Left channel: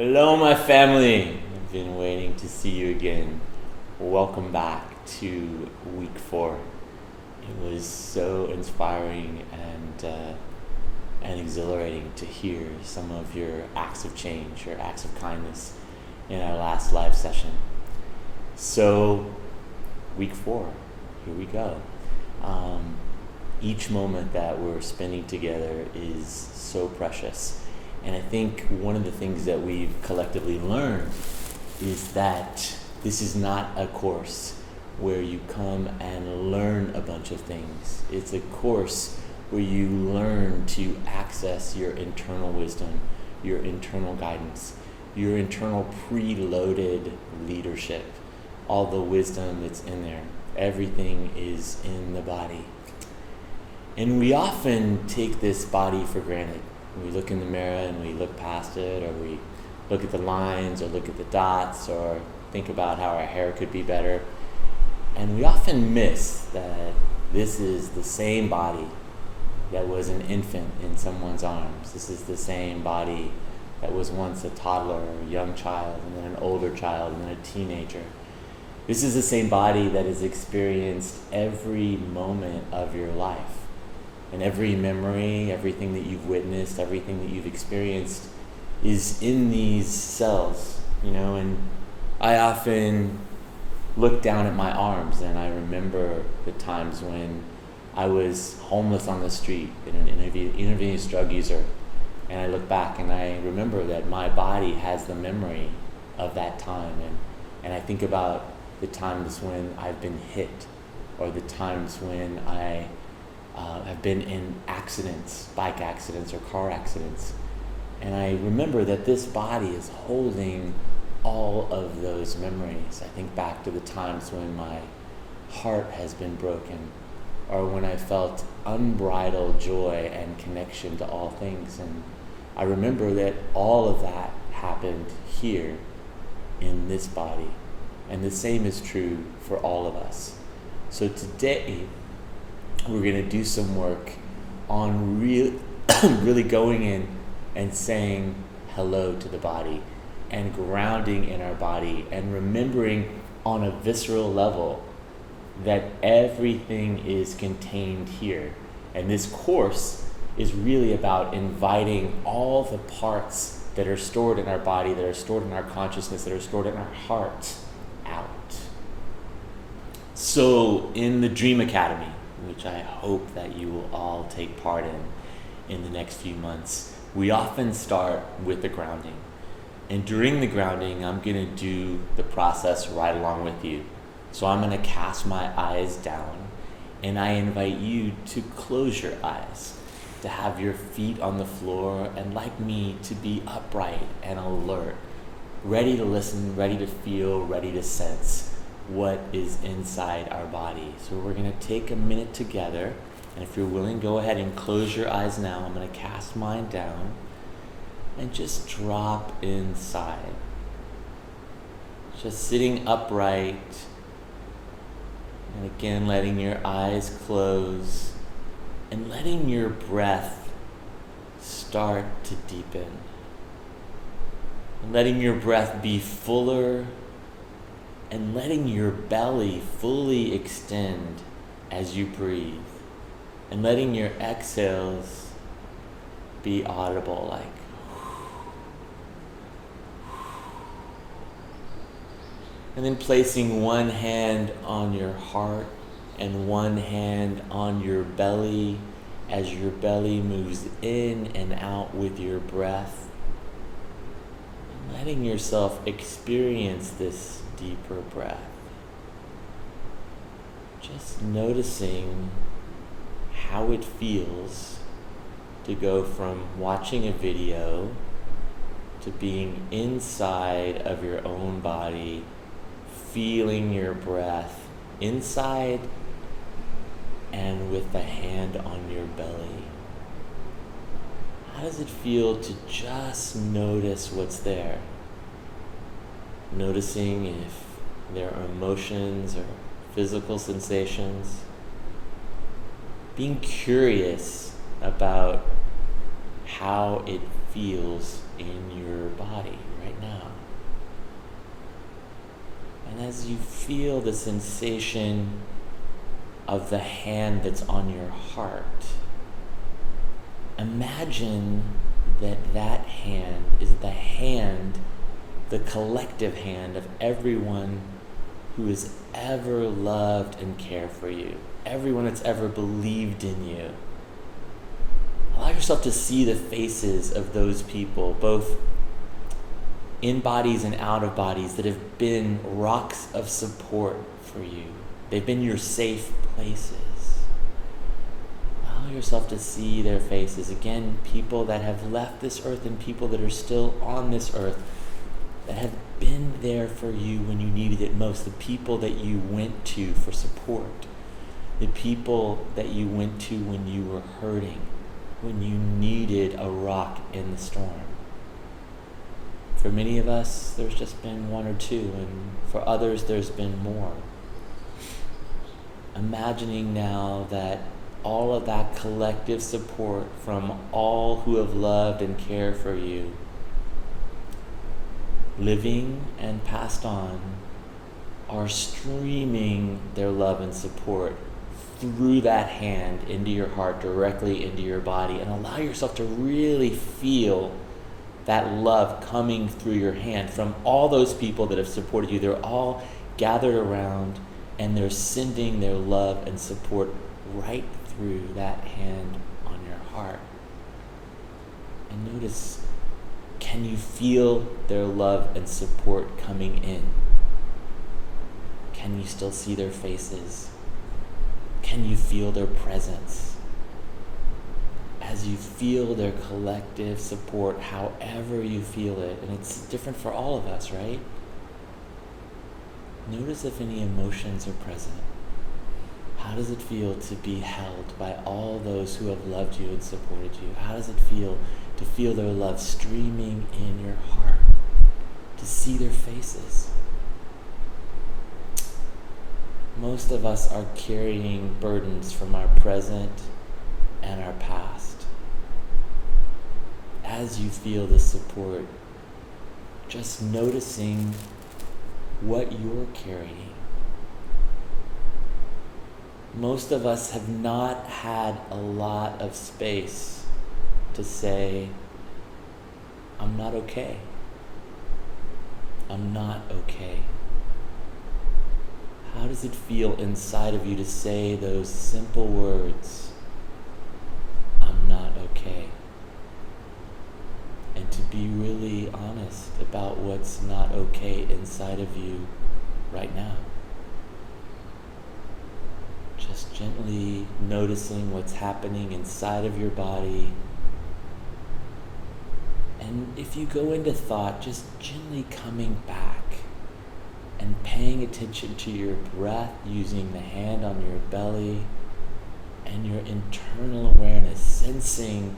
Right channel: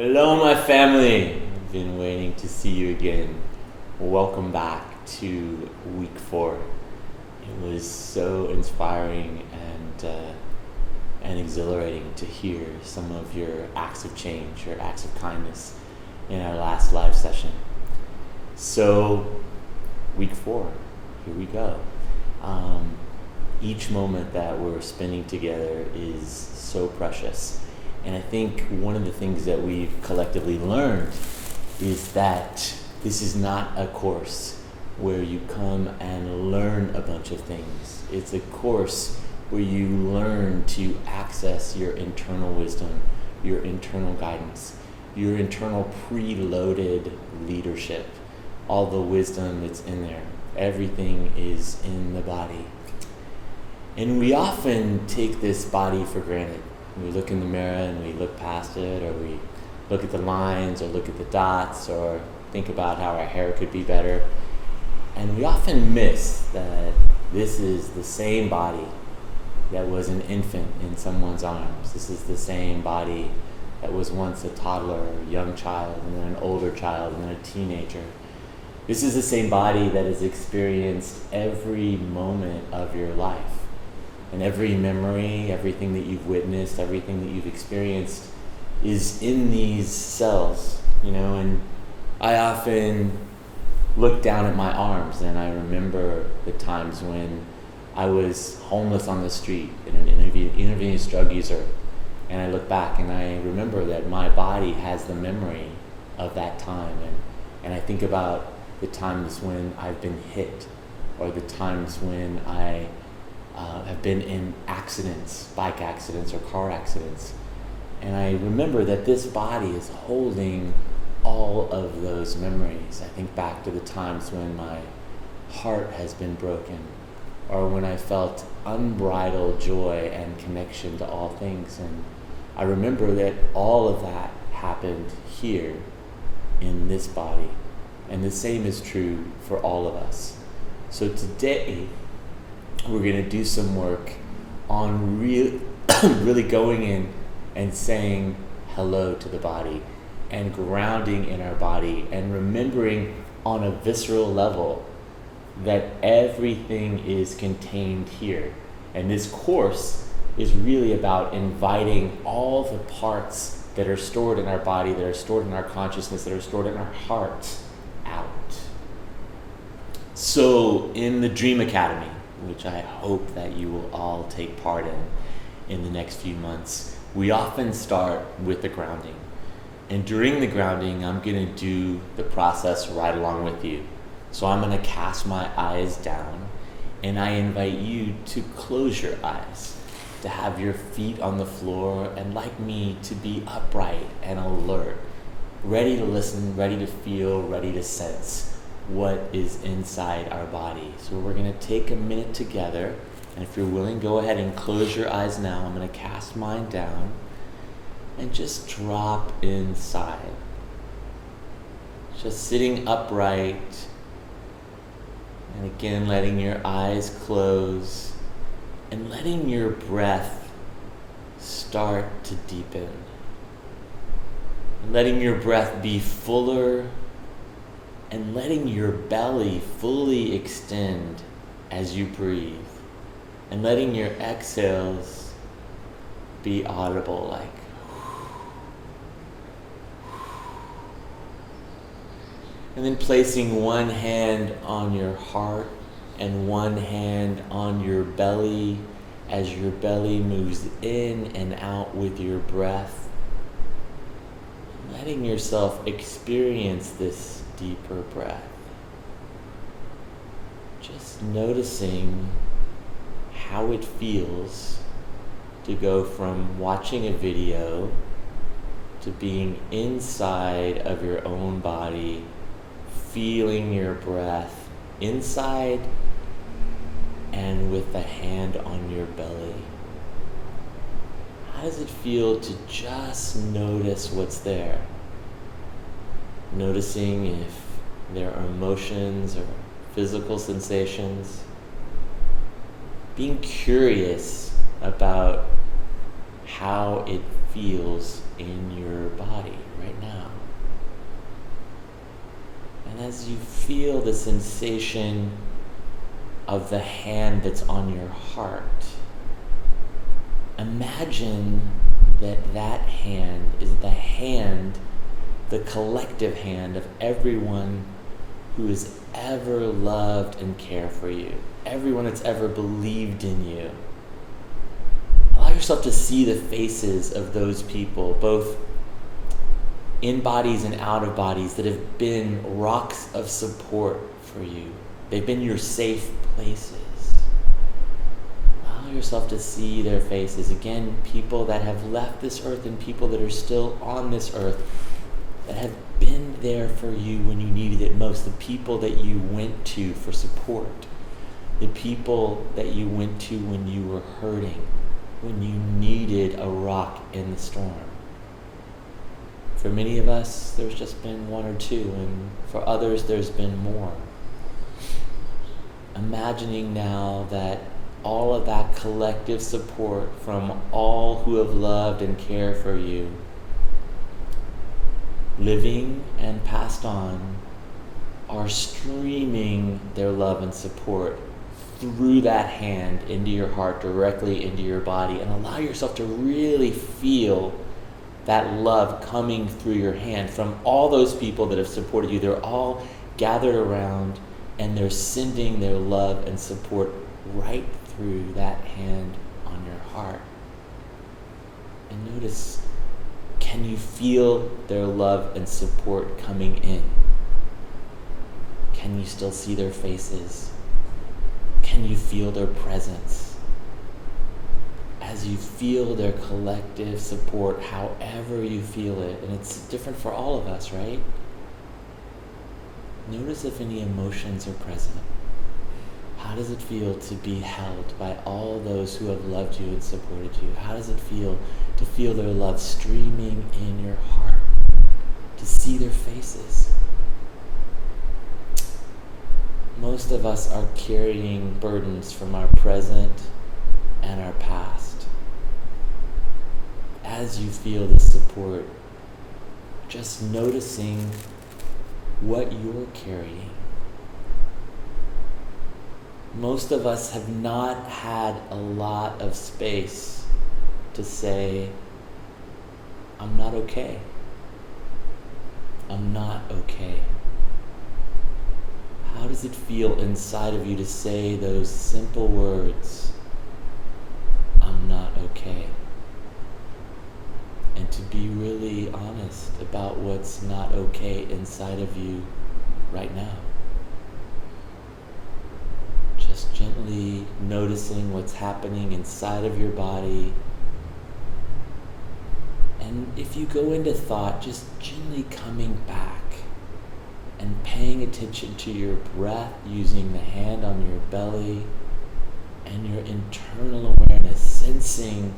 Hello, my family. I've been waiting to see you again. Welcome back to week 4. It was so inspiring and exhilarating to hear some of your acts of change, your acts of kindness in our last live session. So, week 4, here we go. Each moment that we're spending together is so precious. And I think one of the things that we've collectively learned is that this is not a course where you come and learn a bunch of things. It's a course where you learn to access your internal wisdom, your internal guidance, your internal preloaded leadership. All the wisdom that's in there. Everything is in the body. And we often take this body for granted. We look in the mirror and we look past it, or we look at the lines, or look at the dots, or think about how our hair could be better. And we often miss that this is the same body that was an infant in someone's arms. This is the same body that was once a toddler or a young child, and then an older child, and then a teenager. This is the same body that has experienced every moment of your life. And every memory, everything that you've witnessed, everything that you've experienced is in these cells, and I often look down at my arms and I remember the times when I was homeless on the street and an intravenous drug user, and I look back and I remember that my body has the memory of that time, and I think about the times when I've been hit, or the times when I have been in accidents, bike accidents or car accidents. And I remember that this body is holding all of those memories. I think back to the times when my heart has been broken, or when I felt unbridled joy and connection to all things. And I remember that all of that happened here in this body. And the same is true for all of us. So today, we're going to do some work on really going in and saying hello to the body, and grounding in our body, and remembering on a visceral level that everything is contained here. And this course is really about inviting all the parts that are stored in our body, that are stored in our consciousness, that are stored in our heart out. So in the Dream Academy, which I hope that you will all take part in the next few months, we often start with the grounding. And during the grounding, I'm going to do the process right along with you. So I'm going to cast my eyes down, and I invite you to close your eyes, to have your feet on the floor, and like me, to be upright and alert, ready to listen, ready to feel, ready to sense what is inside our body. So we're going to take a minute together, and if you're willing, go ahead and close your eyes now. I'm going to cast mine down and just drop inside. Just sitting upright, and again letting your eyes close and letting your breath start to deepen. And letting your breath be fuller, and letting your belly fully extend as you breathe, and letting your exhales be audible, like and then placing one hand on your heart and one hand on your belly as your belly moves in and out with your breath, and letting yourself experience this deeper breath. Just noticing how it feels to go from watching a video to being inside of your own body, feeling your breath inside and with the hand on your belly. How does it feel to just notice what's there? Noticing if there are emotions or physical sensations. Being curious about how it feels in your body right now. And as you feel the sensation of the hand that's on your heart, imagine that hand is the collective hand of everyone who has ever loved and cared for you, everyone that's ever believed in you. Allow yourself to see the faces of those people, both in bodies and out of bodies, that have been rocks of support for you. They've been your safe places. Allow yourself to see their faces. Again, people that have left this earth and people that are still on this earth that have been there for you when you needed it most. The people that you went to for support. The people that you went to when you were hurting, when you needed a rock in the storm. For many of us, there's just been one or two, and for others, there's been more. Imagining now that all of that collective support from all who have loved and cared for you, living and passed on, are streaming their love and support through that hand into your heart, directly into your body, and allow yourself to really feel that love coming through your hand from all those people that have supported you. They're all gathered around and they're sending their love and support right through that hand on your heart. And notice, can you feel their love and support coming in? Can you still see their faces? Can you feel their presence? As you feel their collective support, however you feel it, and it's different for all of us, right? Notice if any emotions are present. How does it feel to be held by all those who have loved you and supported you? How does it feel to feel their love streaming in your heart? To see their faces? Most of us are carrying burdens from our present and our past. As you feel this support, just noticing what you're carrying. Most of us have not had a lot of space to say, I'm not okay. I'm not okay. How does it feel inside of you to say those simple words, I'm not okay? And to be really honest about what's not okay inside of you right now. Just gently noticing what's happening inside of your body. And if you go into thought, just gently coming back and paying attention to your breath, using the hand on your belly and your internal awareness, sensing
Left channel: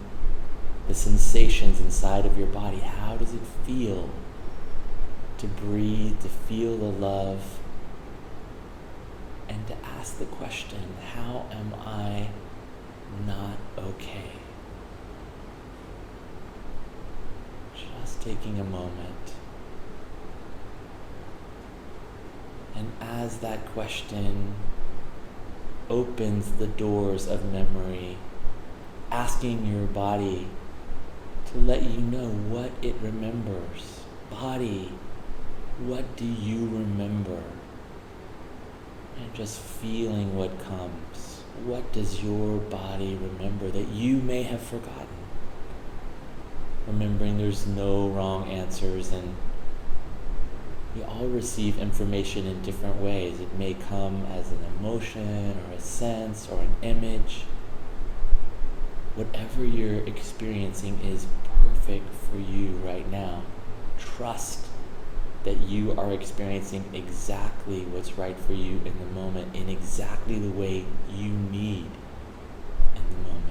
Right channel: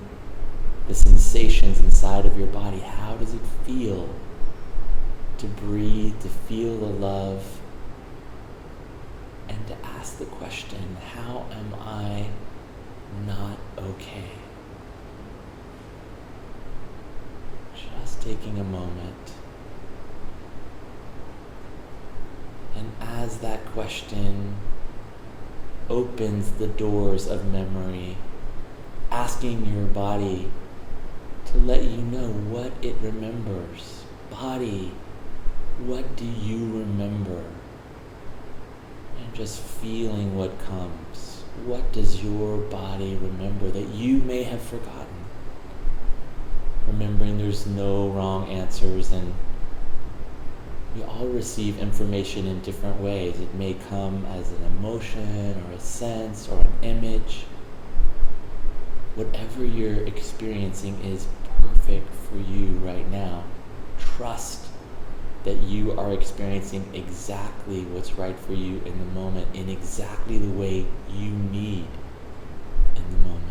the sensations inside of your body. How does it feel to breathe, to feel the love, and to ask the question, how am I not okay? Just taking a moment. And as that question opens the doors of memory, asking your body to let you know what it remembers. Body, what do you remember? And just feeling what comes. What does your body remember that you may have forgotten? Remembering there's no wrong answers, and we all receive information in different ways. It may come as an emotion or a sense or an image. Whatever you're experiencing is perfect for you right now. Trust that you are experiencing exactly what's right for you in the moment, in exactly the way you need in the moment.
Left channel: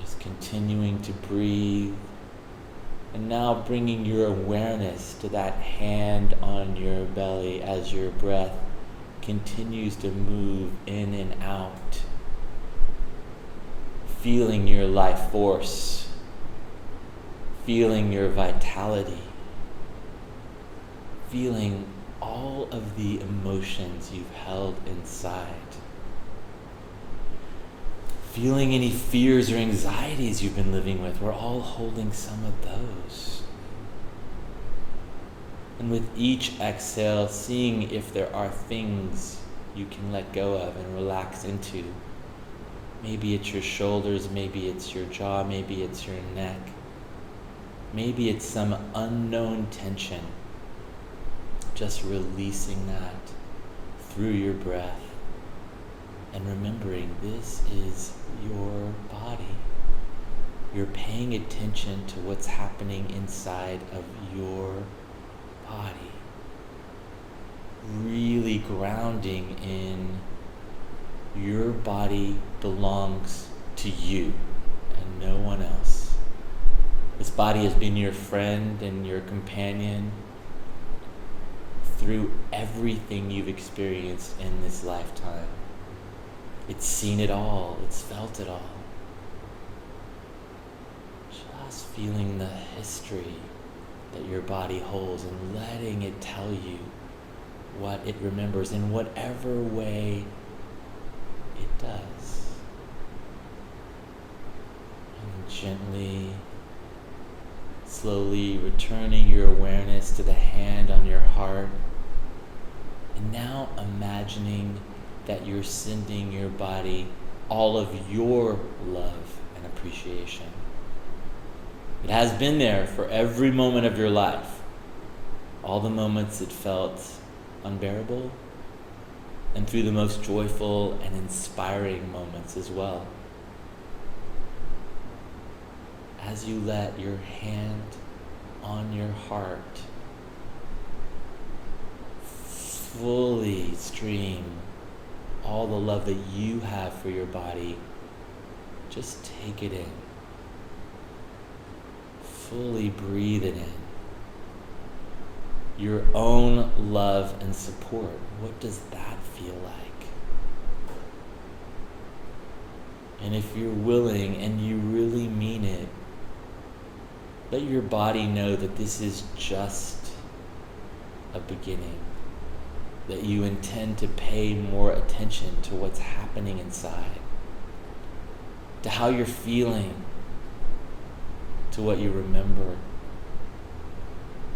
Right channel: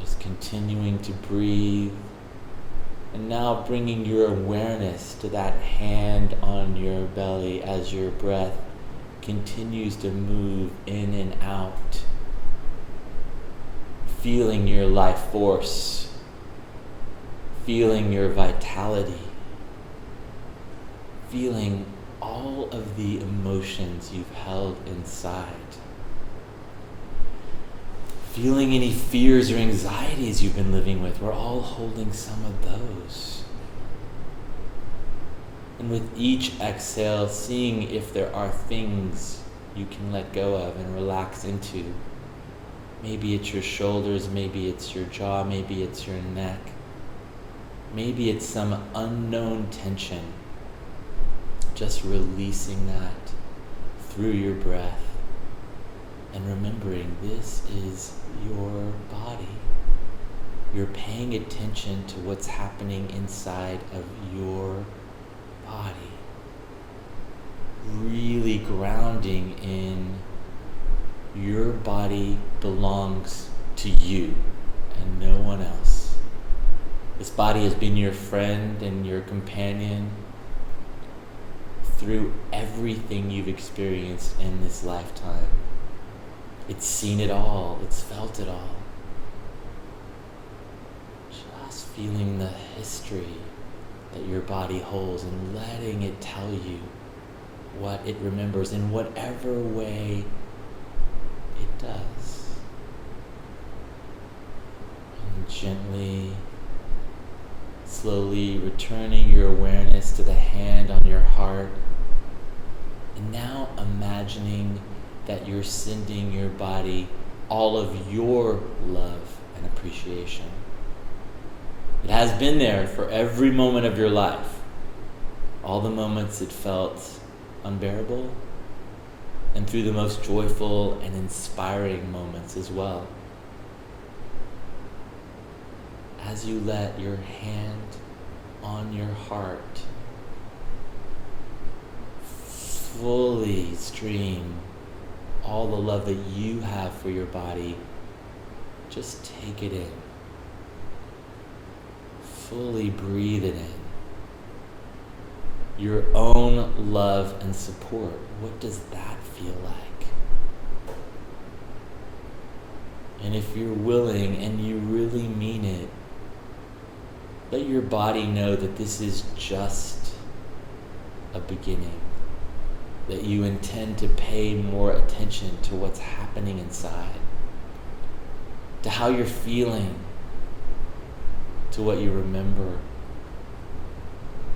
Just continuing to breathe, and now bringing your awareness to that hand on your belly as your breath continues to move in and out. feeling your life force, feeling your vitality, feeling all of the emotions you've held inside, feeling any fears or anxieties you've been living with. We're all holding some of those. And with each exhale, seeing if there are things you can let go of and relax into. Maybe it's your shoulders, maybe it's your jaw, maybe it's your neck. Maybe it's some unknown tension. Just releasing that through your breath and remembering this is your body. You're paying attention to what's happening inside of your body. Really grounding in your body belongs to you and no one else. This body has been your friend and your companion through everything you've experienced in this lifetime. It's seen it all, it's felt it all. Just feeling the history that your body holds and letting it tell you what it remembers in whatever way it does. And gently, slowly returning your awareness to the hand on your heart. And now imagining that you're sending your body all of your love and appreciation. It has been there for every moment of your life. All the moments it felt unbearable, and through the most joyful and inspiring moments as well. As you let your hand on your heart fully stream all the love that you have for your body, just take it in. Fully breathe it in. Your own love and support. What does that feel like? And if you're willing and you really mean it, let your body know that this is just a beginning, that you intend to pay more attention to what's happening inside, to how you're feeling, to what you remember,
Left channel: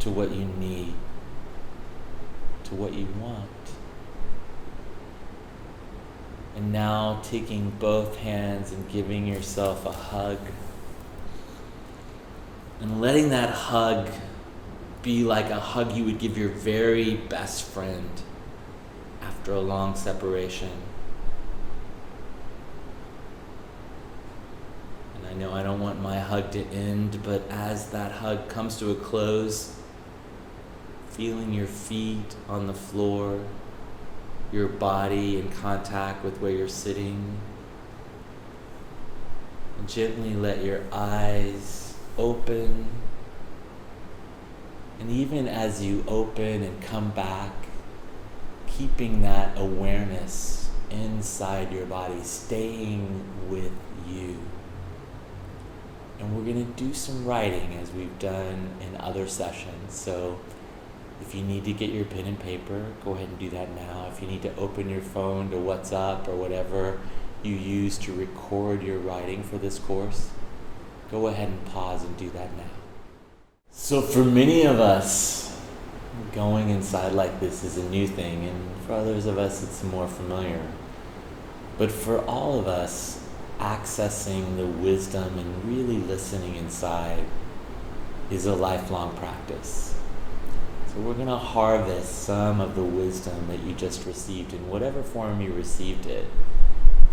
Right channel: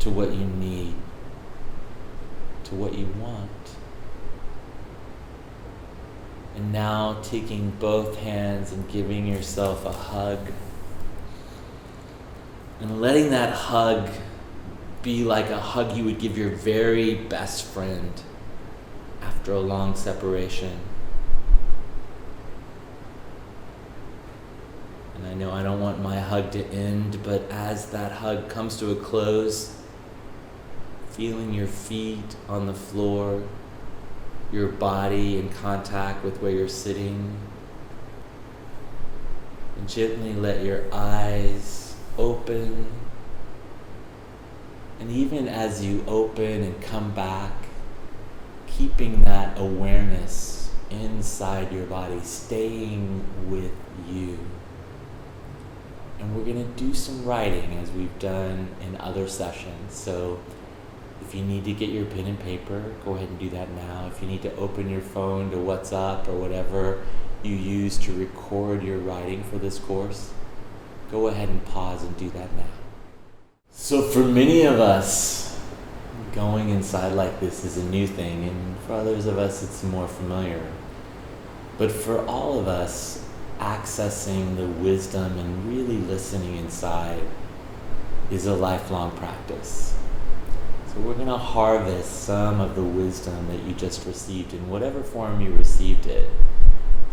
to what you need, to what you want. And now taking both hands and giving yourself a hug, and letting that hug be like a hug you would give your very best friend after a long separation. And I know I don't want my hug to end, but as that hug comes to a close, feeling your feet on the floor, your body in contact with where you're sitting, and gently let your eyes open. And even as you open and come back, keeping that awareness inside your body, staying with you. And we're going to do some writing as we've done in other sessions. So if you need to get your pen and paper, go ahead and do that now. If you need to open your phone to WhatsApp or whatever you use to record your writing for this course, go ahead and pause and do that now. So for many of us, going inside like this is a new thing, and for others of us it's more familiar. But for all of us, accessing the wisdom and really listening inside is a lifelong practice. So we're going to harvest some of the wisdom that you just received in whatever form you received it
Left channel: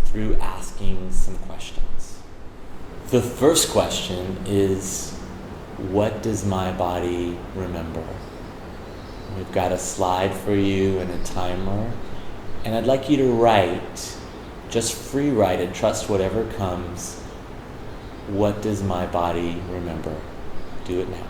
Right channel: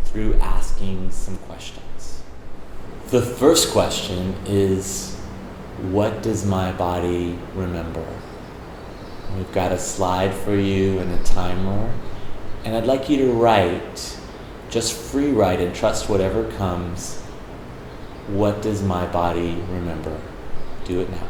through asking some questions. The first question is, what does my body remember? We've got a slide for you and a timer, and I'd like you to write, just free write and trust whatever comes. What does my body remember? Do it now.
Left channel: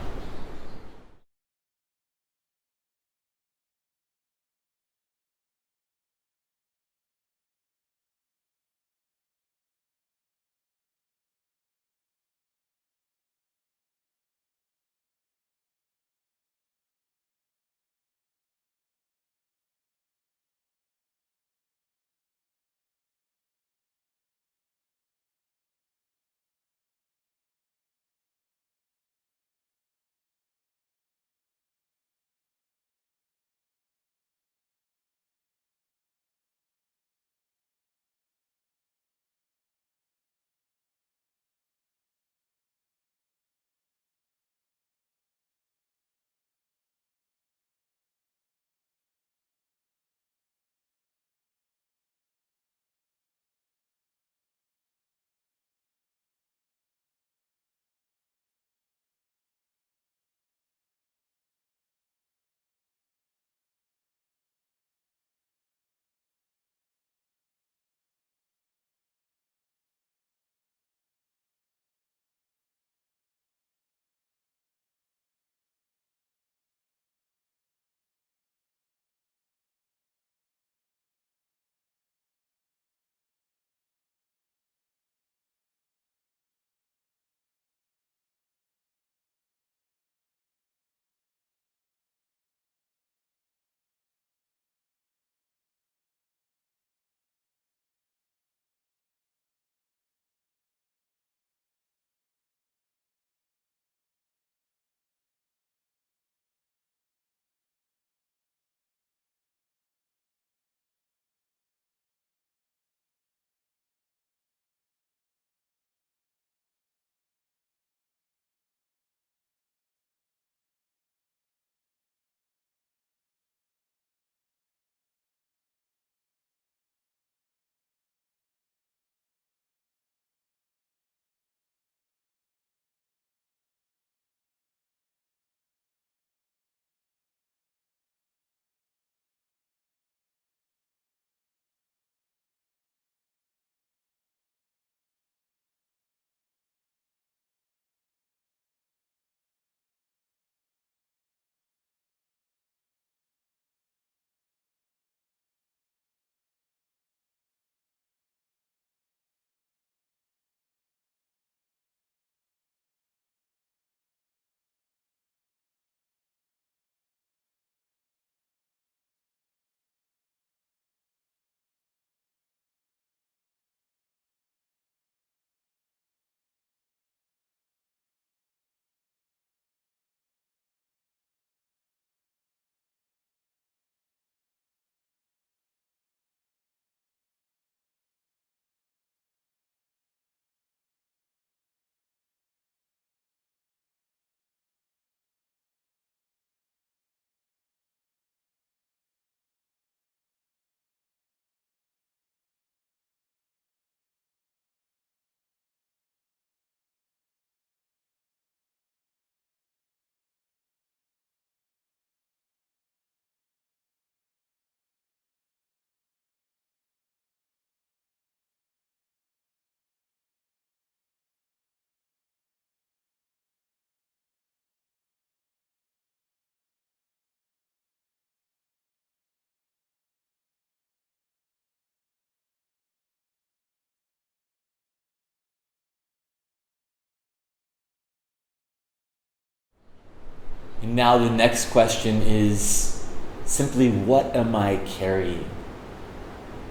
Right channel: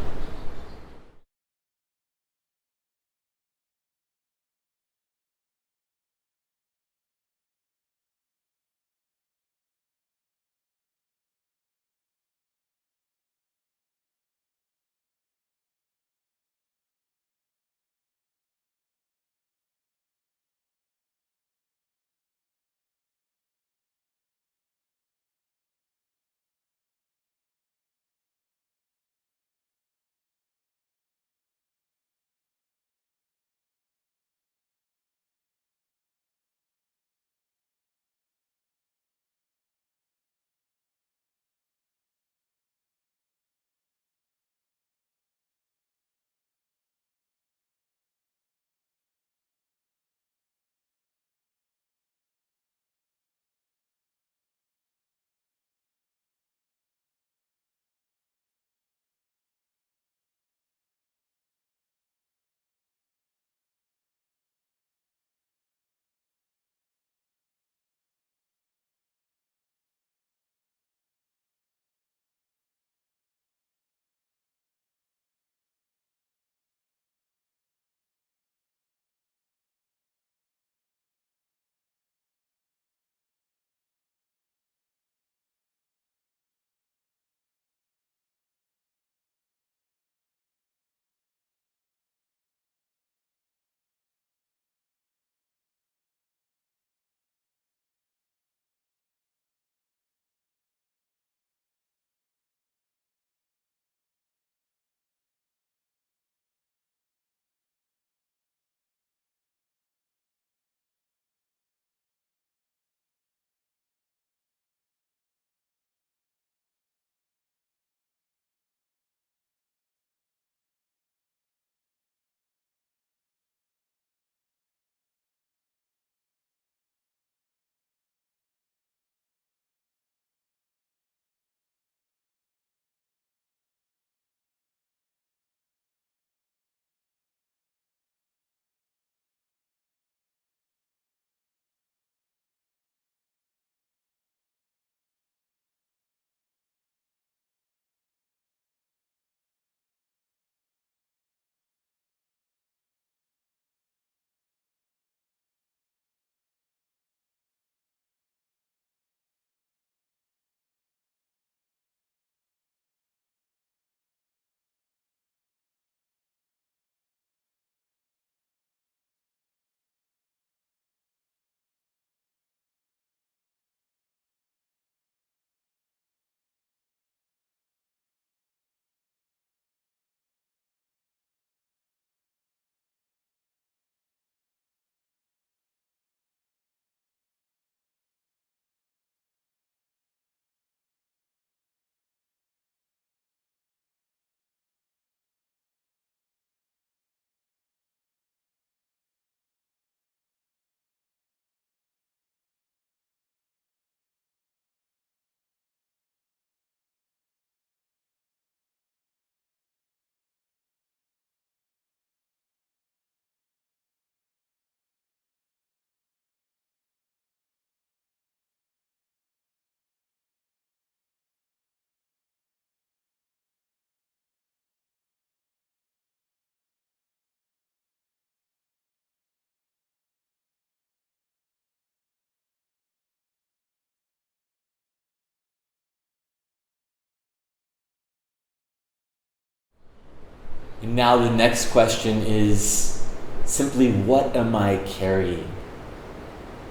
And now the next question is simply, what am I carrying?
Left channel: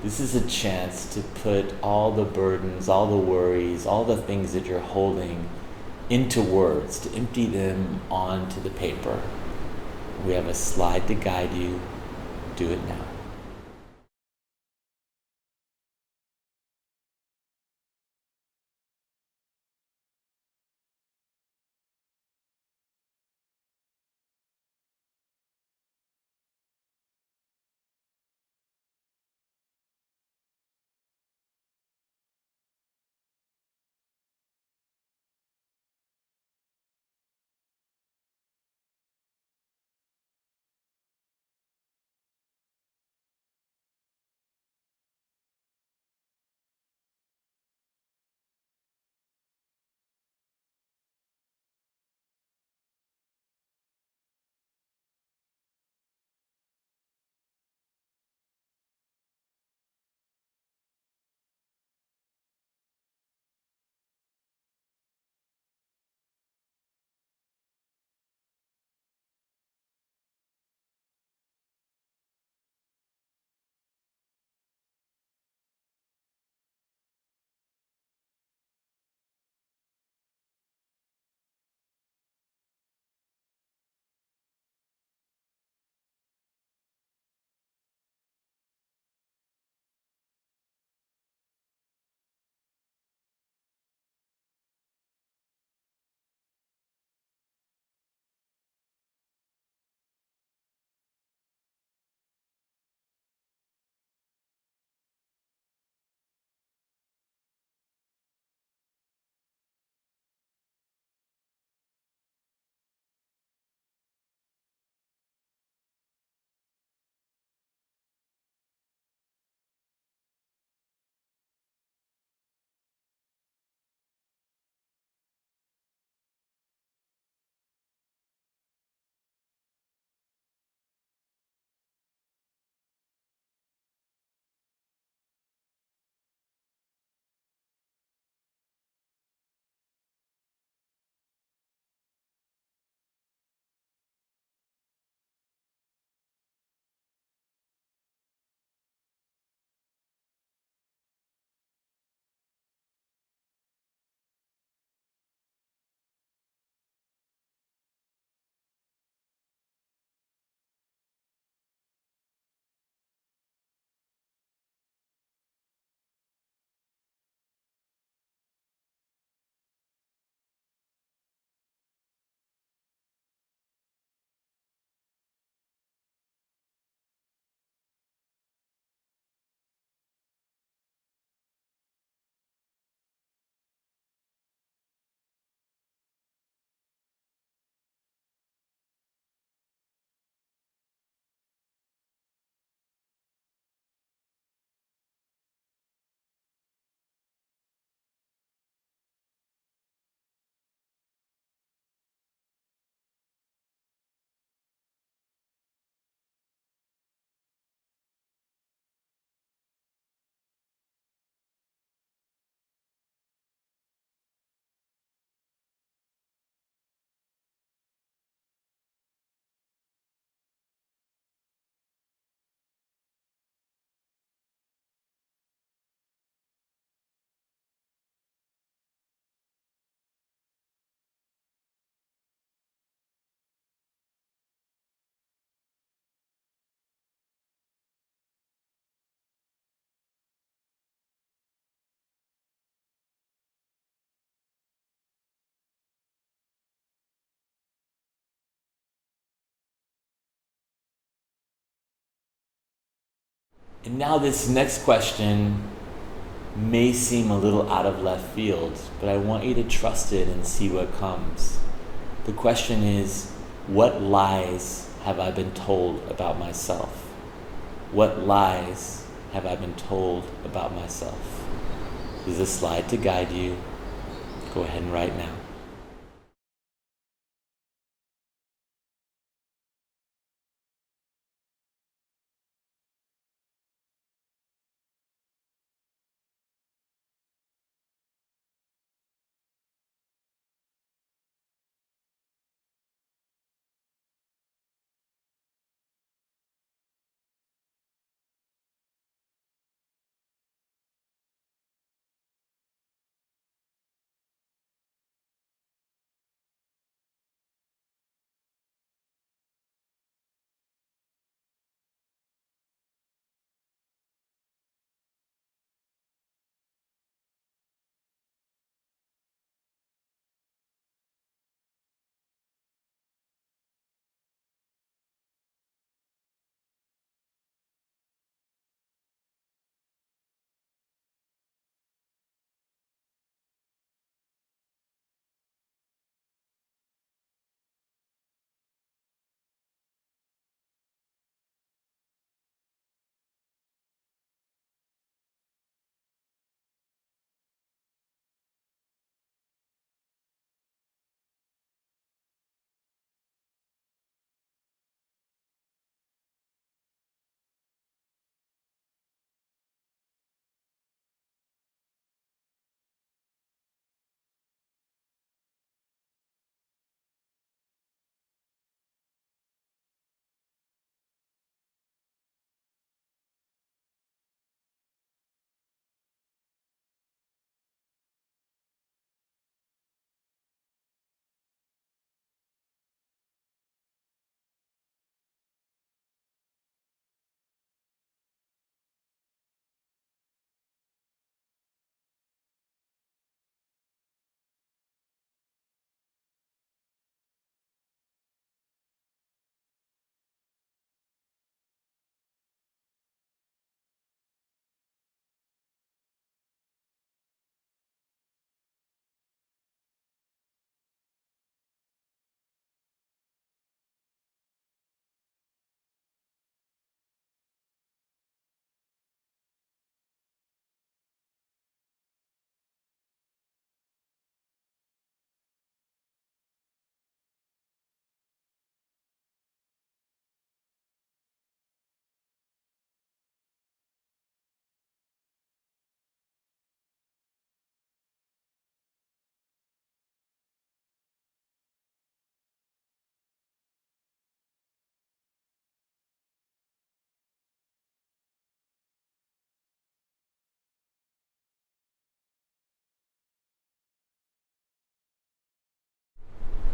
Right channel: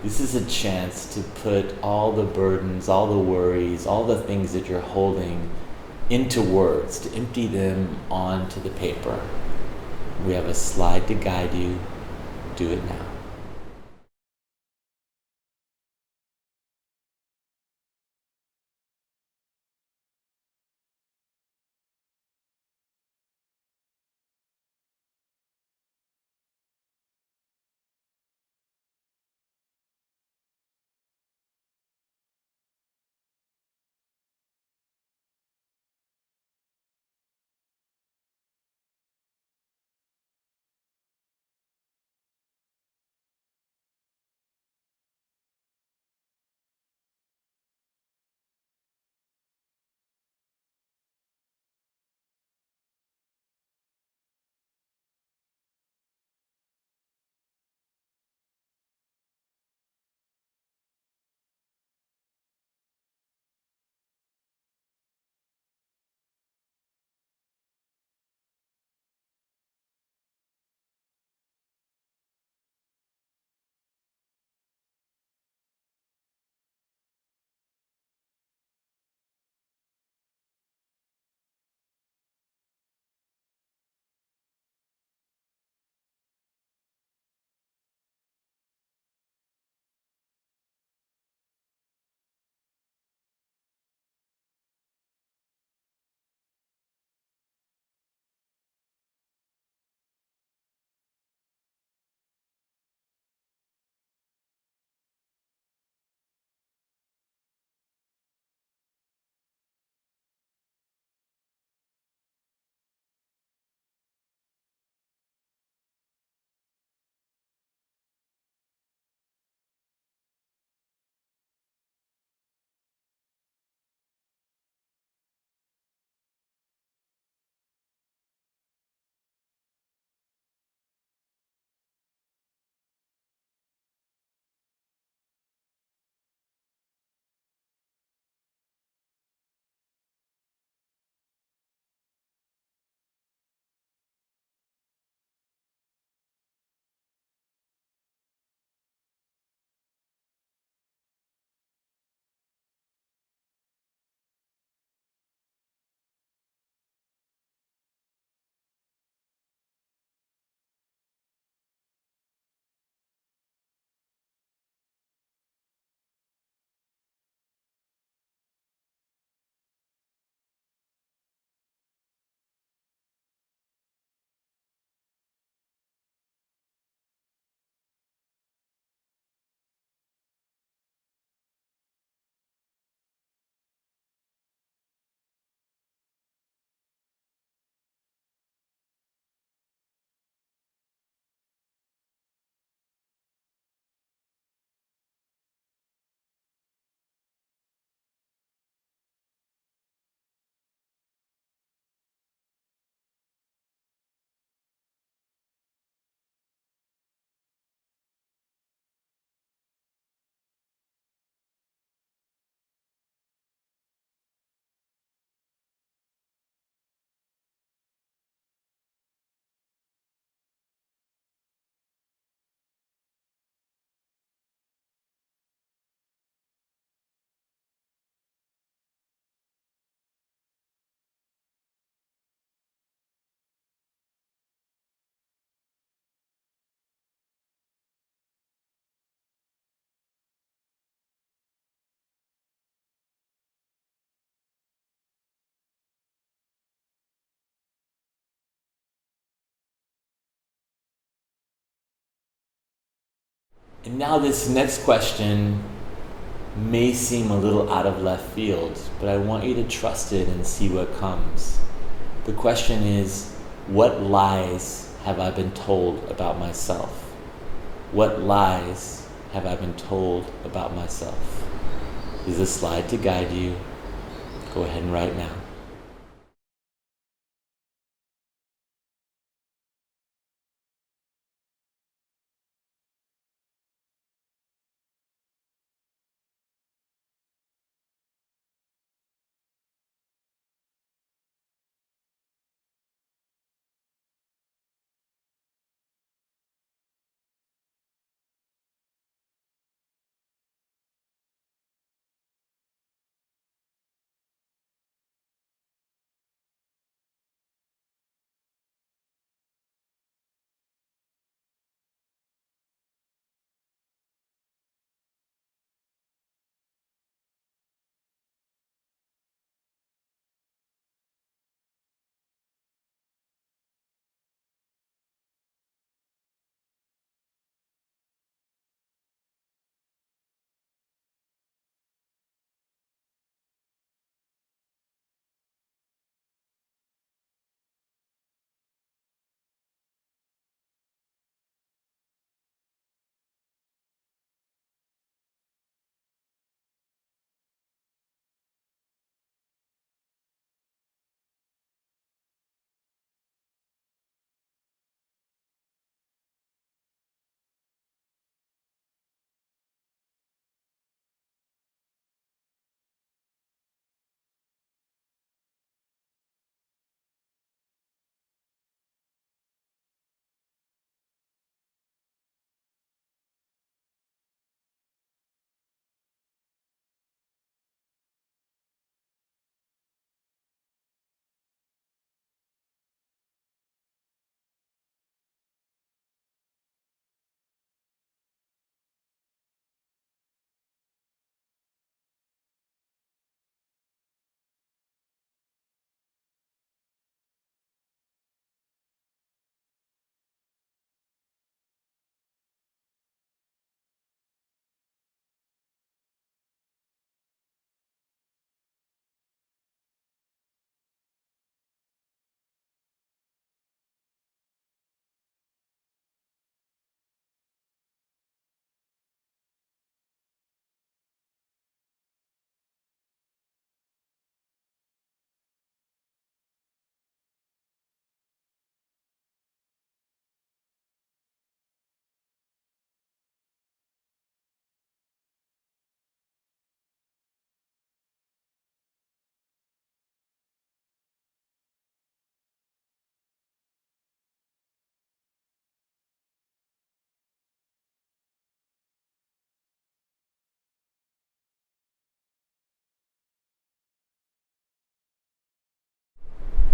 This is a chance to put all the burdens, all the worries, all the things that you're holding into words, to empty them onto the paper. We have a slide to guide you. Do it now. And now this next question may seem a little out of left field, but I want you to trust it and see what comes. The question is, what lies have I been told about myself? What lies have I been told about myself? There's a slide to guide you. Go ahead and write now.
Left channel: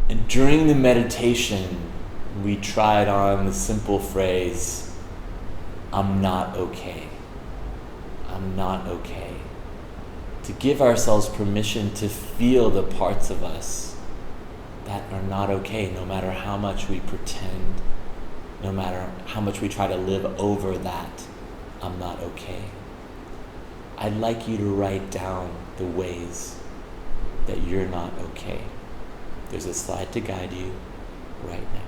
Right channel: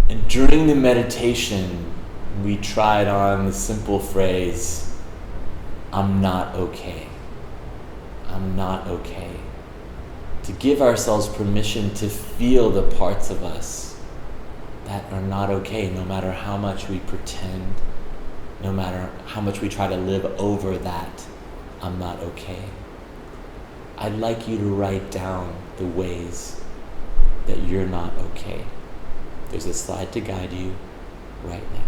And during the meditation, we tried on the simple phrase, I'm not okay. I'm not okay. To give ourselves permission to feel the parts of us that are not okay, no matter how much we pretend, no matter how much we try to live over that, I'm not okay. I'd like you to write down the ways that you're not okay. There's a slide to guide you right now.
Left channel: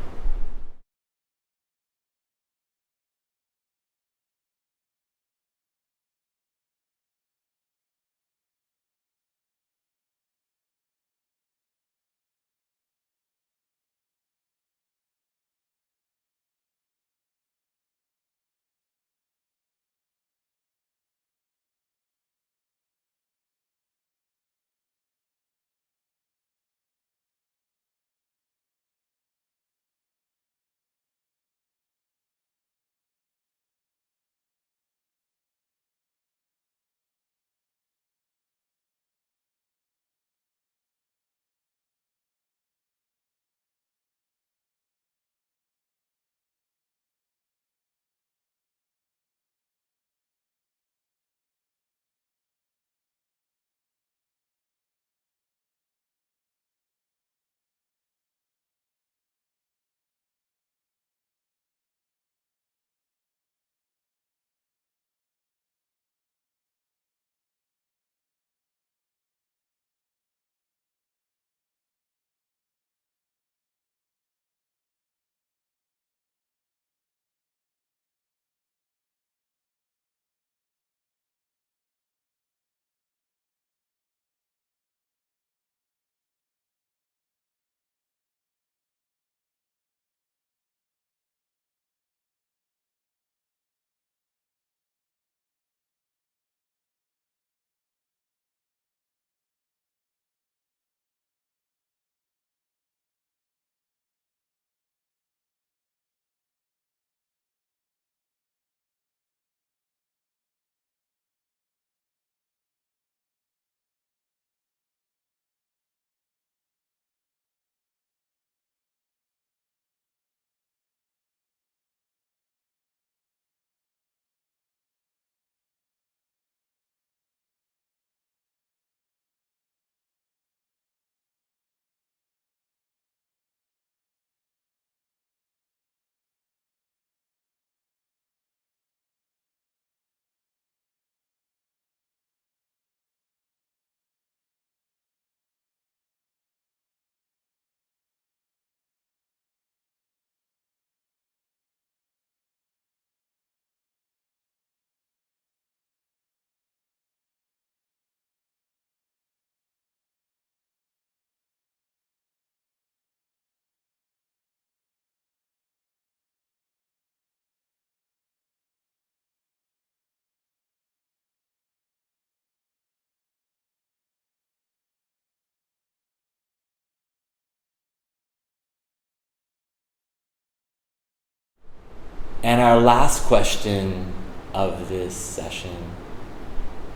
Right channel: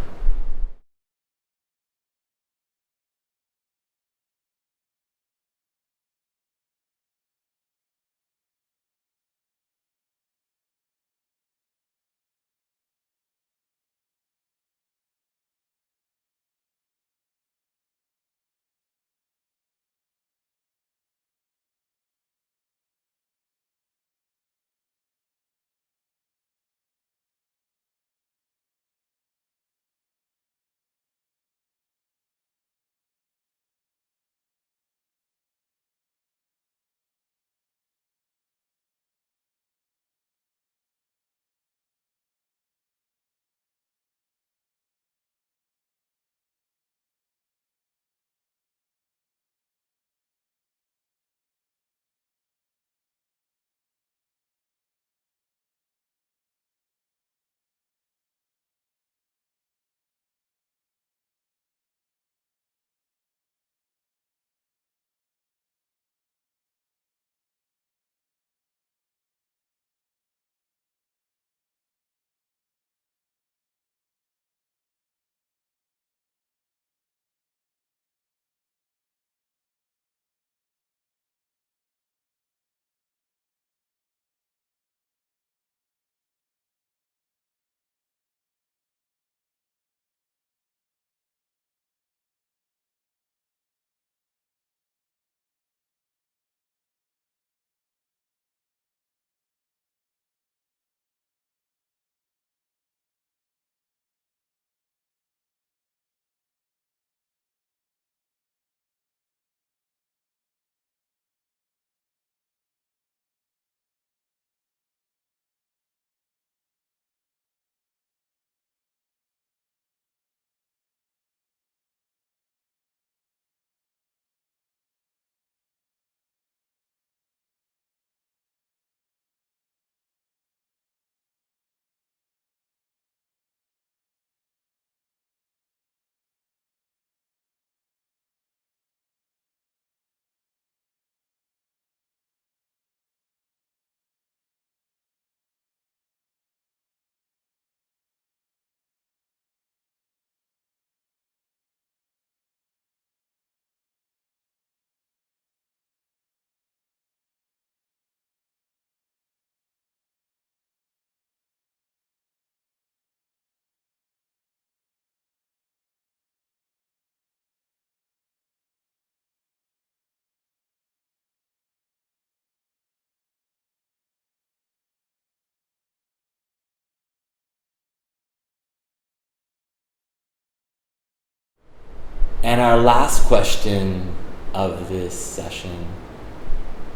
And our last question of this session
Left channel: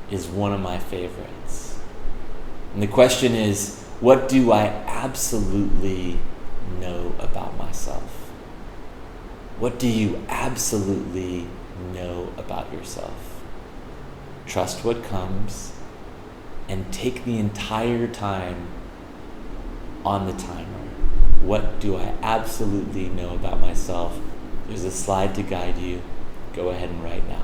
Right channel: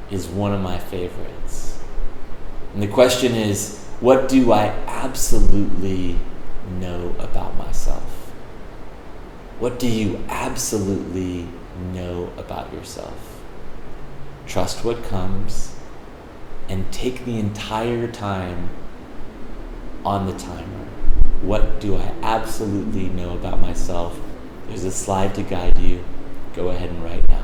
is one of my favorites. And the question is, what do I absolutely know about myself? What do you absolutely know about yourself? Trust what comes and take the entire time on the timer. What do I absolutely know about myself? There's a slide to guide you. Go ahead and write now.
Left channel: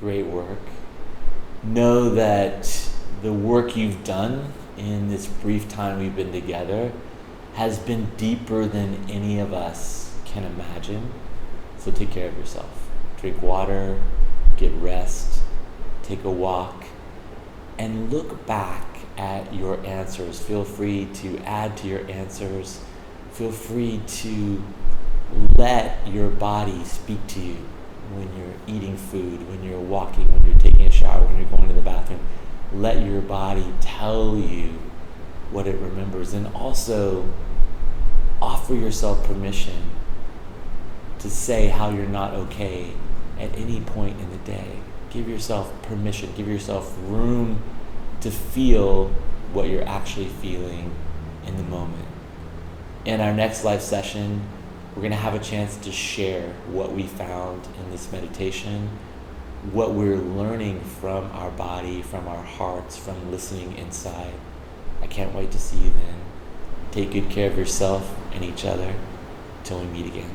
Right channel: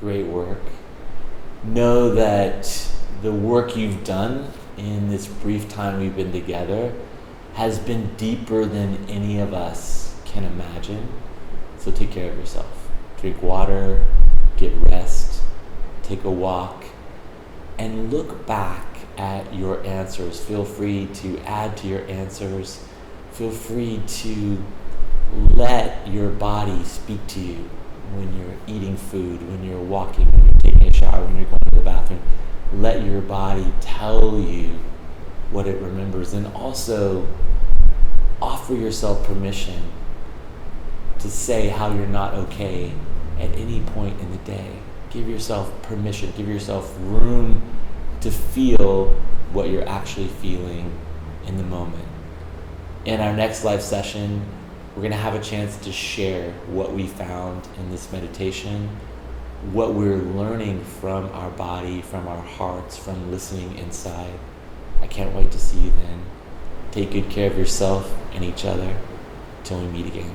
Great work. Know that the work you've done in this brief time we've been together has been deeper than any of us can imagine. So take care of yourself. Drink water, get rest, take a walk, and look back at your answers. Feel free to add to your answers. Feel free to let your body speak to you when you're eating food, when you're walking, when you're taking a shower, when you're going to the bathroom. Let your body tell you what it remembers, and also offer yourself permission to say how you're not okay at any point in the day. Give yourself permission, give yourself room to feel what you're actually feeling in the moment. In our next live session, we're going to have a chance to share what we found in this meditation, what we're learning from our body, from our hearts, from listening inside. I can't wait to see you then. Take good care of yourself and each other. Till we meet again.